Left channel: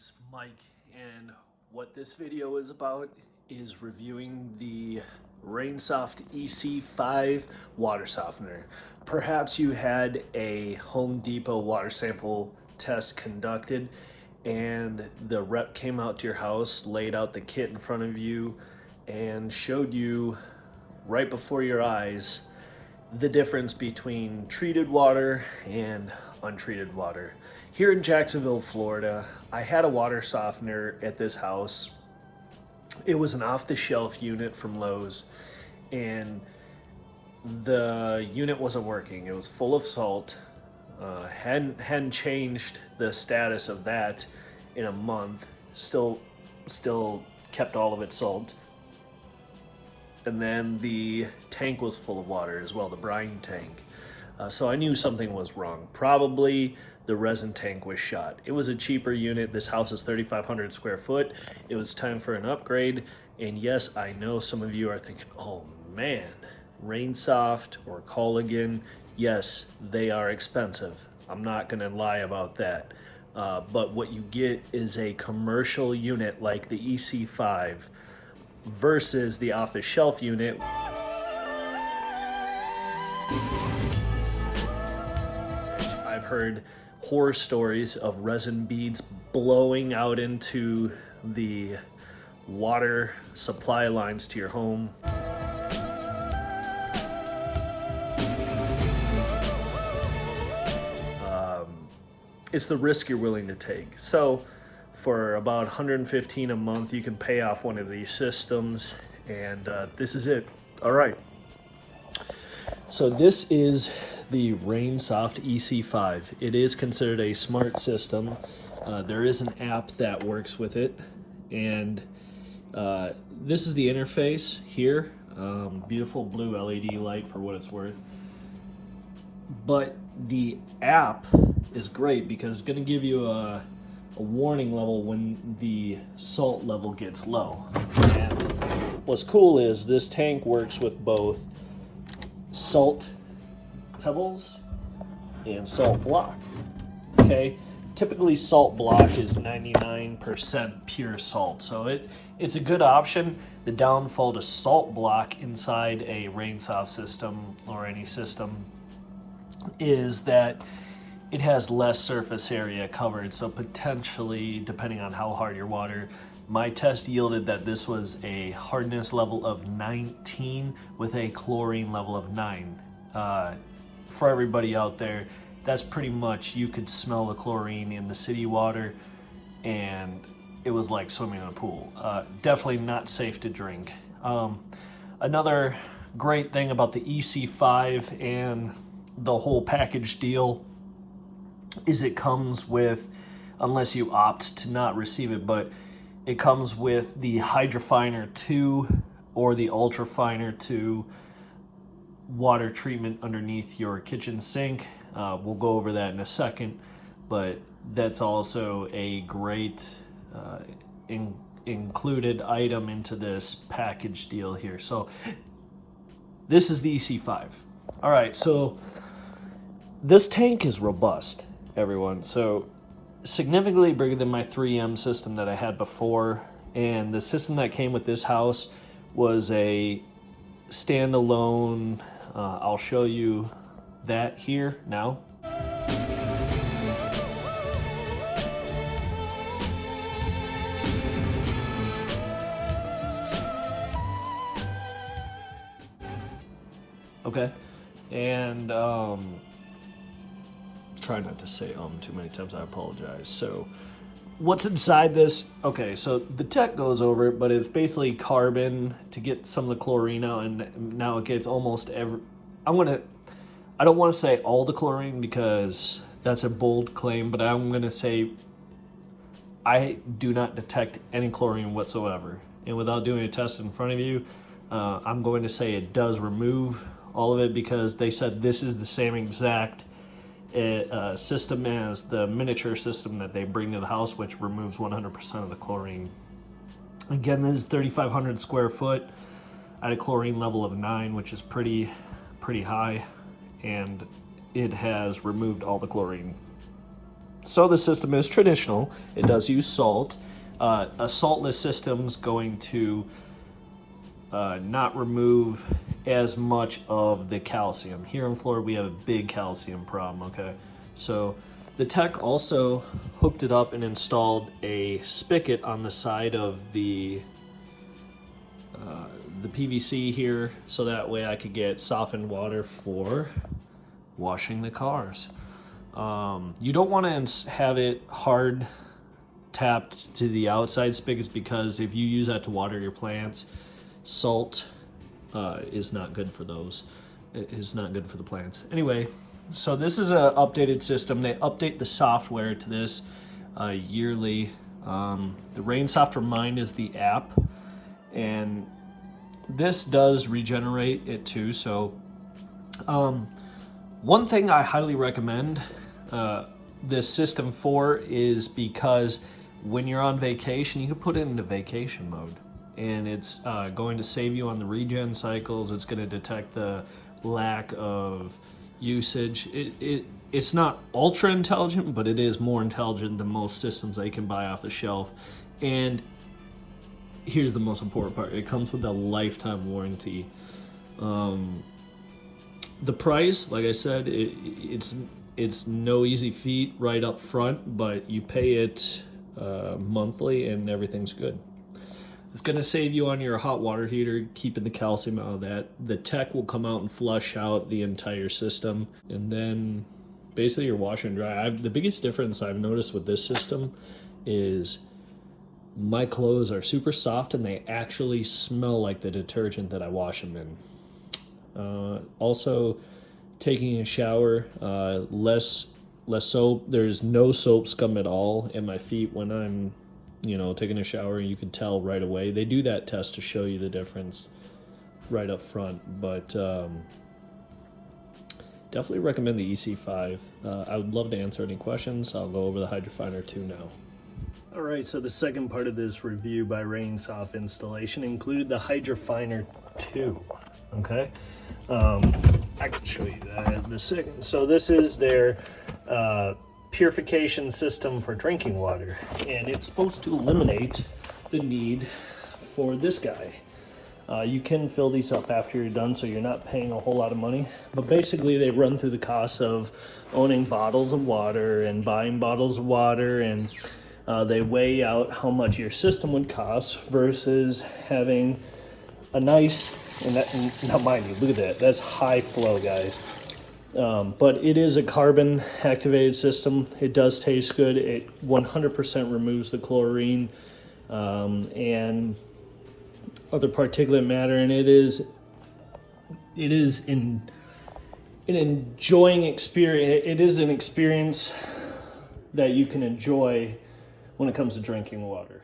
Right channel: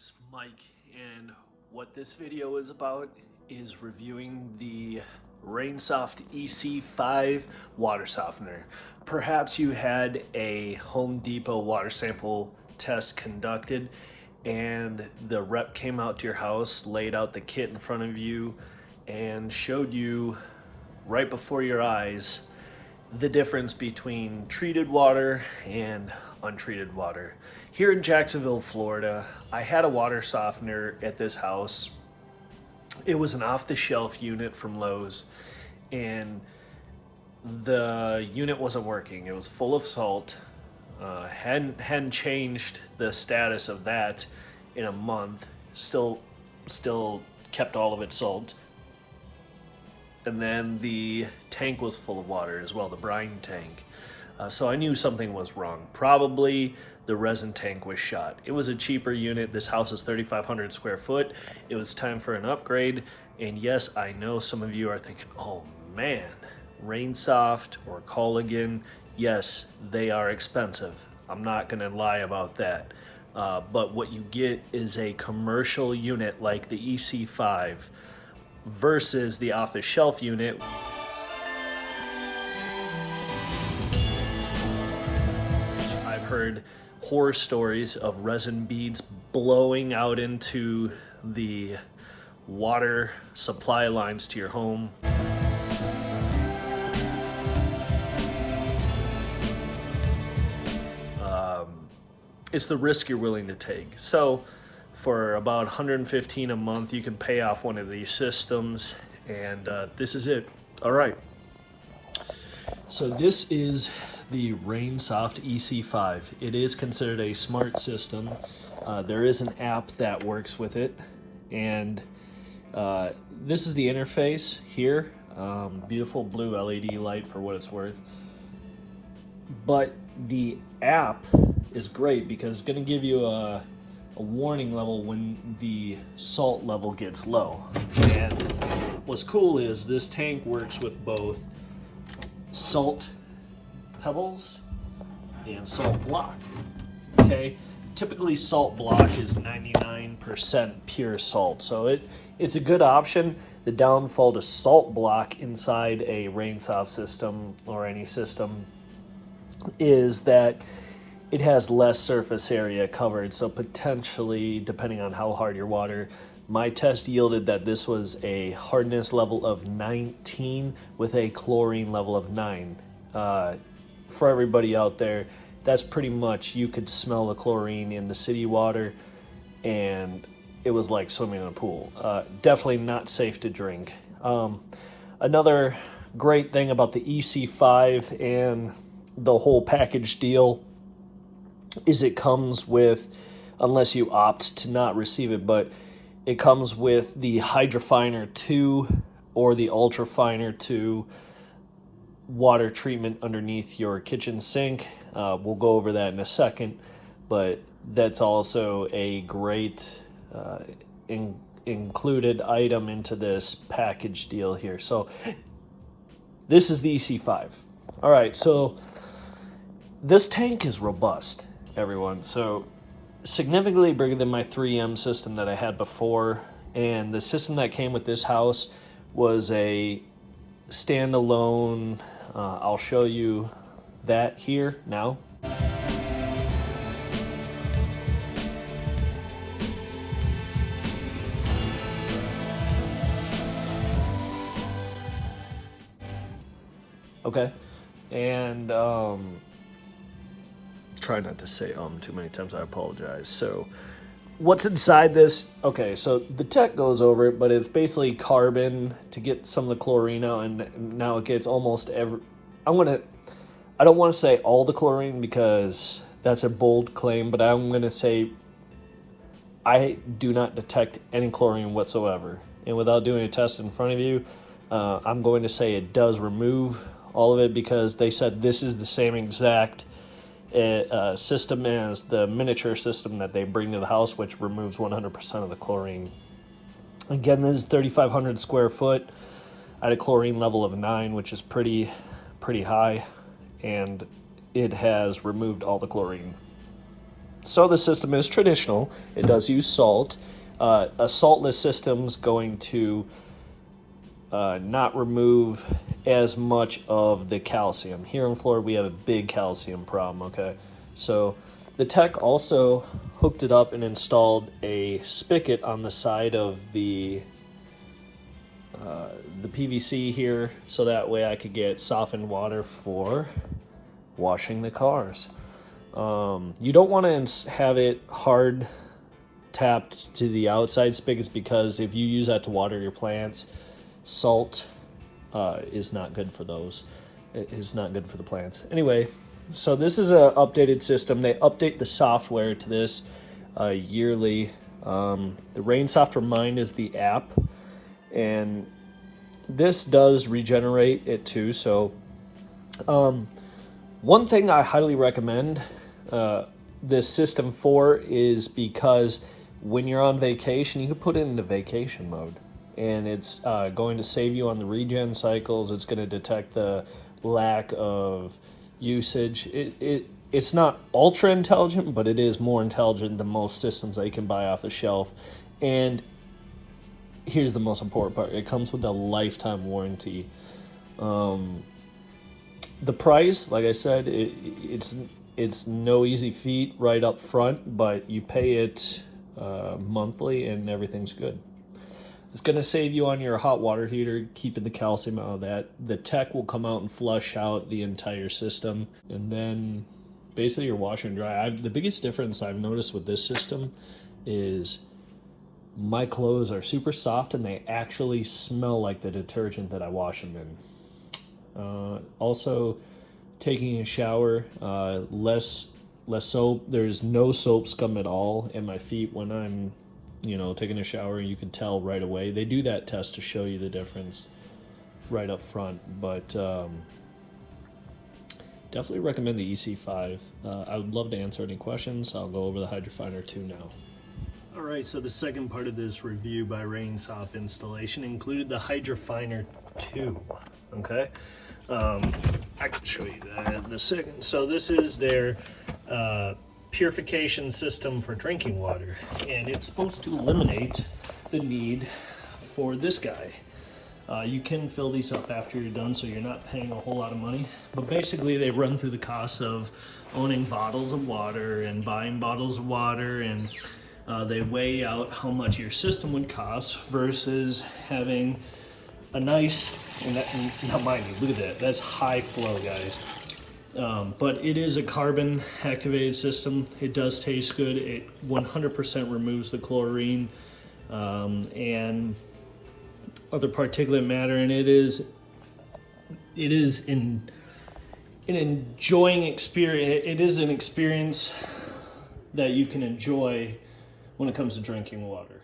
guys, Mike, and what this video is about is reviewing the RainSoft EC5 water softener. Perhaps you had a Home Depot water sample test conducted and the rep came out to your house, laid out the kit in front of you, and showed you right before your eyes the difference between treated water and untreated water. Here in Jacksonville, Florida, I had a water softener at this house. It was an off-the-shelf unit from Lowe's, and the unit wasn't working. It was full of salt. Hadn't changed the status of that in a month. Still kept all of its salt. And then the tank was full of water as well, the brine tank. So I knew something was wrong. Probably the resin tank was shot. It was a cheaper unit. This house is 3,500 square foot. It was time for an upgrade. And yes, I know some of you are thinking, oh man, RainSoft or Culligan, yes, they are expensive. I'm not gonna lie about that. But what you get is a commercial unit like the EC5 versus the off-the-shelf unit. I've heard horror stories of resin beads blowing out into the water supply lines to your home. It's the risk you're willing to take. So for about $115 a month, you can pay off one of these systems, and this is it. All right. So this is the RainSoft EC5. It is considered a smart system. There is an app that works with it, and this is the interface here. Beautiful blue LED light for what it's worth. But the app is great because it's going to give you a warning level when the salt level gets low. And what's cool is this tank works with both salt pebbles and salt block. Okay, typically salt block is 99% pure salt, so it's a good option. The downfall to salt block inside a RainSoft system or any system is that it has less surface area covered, so potentially, depending on how hard your water, my test yielded that this was a hardness level of 19 with a chlorine level of 9. For everybody out there, that's pretty much, you could smell the chlorine in the city water, and it was like swimming in a pool. Definitely not safe to drink. Another great thing about the EC5 and the whole package deal is it comes with, unless you opt to not receive it, but it comes with the Hydrofiner 2 or the Ultrafiner 2 water treatment underneath your kitchen sink. We'll go over that in a second, but that's also a great included item into this package deal here. So this is the EC5. All right, so this tank is robust, everyone. So significantly bigger than my 3M system that I had before, and the system that came with this house was a standalone. I'll show you that here now. Okay, and try not to say too many times, I apologize. So what's inside this? Okay, so the tech goes over it, but it's basically carbon to get some of the chlorine out, and now it gets almost every, I don't want to say all the chlorine because that's a bold claim, but I'm going to say I do not detect any chlorine whatsoever. And without doing a test in front of you, I'm going to say it does remove all of it, because they said this is the same exact system as the miniature system that they bring to the house, which removes 100% of the chlorine. Again, this is 3,500 square foot at a chlorine level of 9, which is pretty high, and it has removed all the chlorine. So the system is traditional. It does use salt. A saltless system's going to not remove as much of the calcium. Here in Florida, we have a big calcium problem, okay? So the tech also hooked it up and installed a spigot on the side of the PVC here, so that way I could get softened water for washing the cars. You don't want to have it hard tapped to the outside spigots, because if you use that to water your plants, salt is not good for those. It is not good for the plants. Anyway, so this is an updated system. They update the software to this yearly. The RainSoft Remind is the app, and this does regenerate it too. So one thing I highly recommend this system for is because when you're on vacation, you can put it into vacation mode, and it's going to save you on the regen cycles. It's going to detect the lack of usage. It's not ultra intelligent, but it is more intelligent than most systems that you can buy off the shelf. And here's the most important part: it comes with a lifetime warranty. The price, like I said, it's no easy feat right up front, but you pay it monthly and everything's good. It's going to save you on your hot water heater, keeping the calcium out of that. The tech will come out and flush out the entire system, and then basically you're wash and dry. The biggest difference I've noticed with this system is my clothes are super soft and they actually smell like the detergent that I wash them in. Also, taking a shower, less soap. There's no soap scum at all in my feet when I'm taking a shower. You can tell right away. They do that test to show you the difference right up front, but definitely recommend the EC5. I would love to answer any questions. I'll go over the Hydrofiner 2 now. All right, so the second part of this review by RainSoft installation included the Hydrofiner 2, okay? I can show you that in a second. So this is their purification system for drinking water, and it's supposed to eliminate the need for this guy. You can fill these up after you're done, so you're not paying a whole lot of money, but basically they run through the costs of owning bottles of water and buying bottles of water, and they weigh out how much your system would cost versus having a nice, and now mind you, look at that, that's high flow, guys. But it is a carbon activated system. It does taste good. It 100% removes the chlorine and other particulate matter, and it is an enjoying experience. It is an experience that you can enjoy when it comes to drinking water.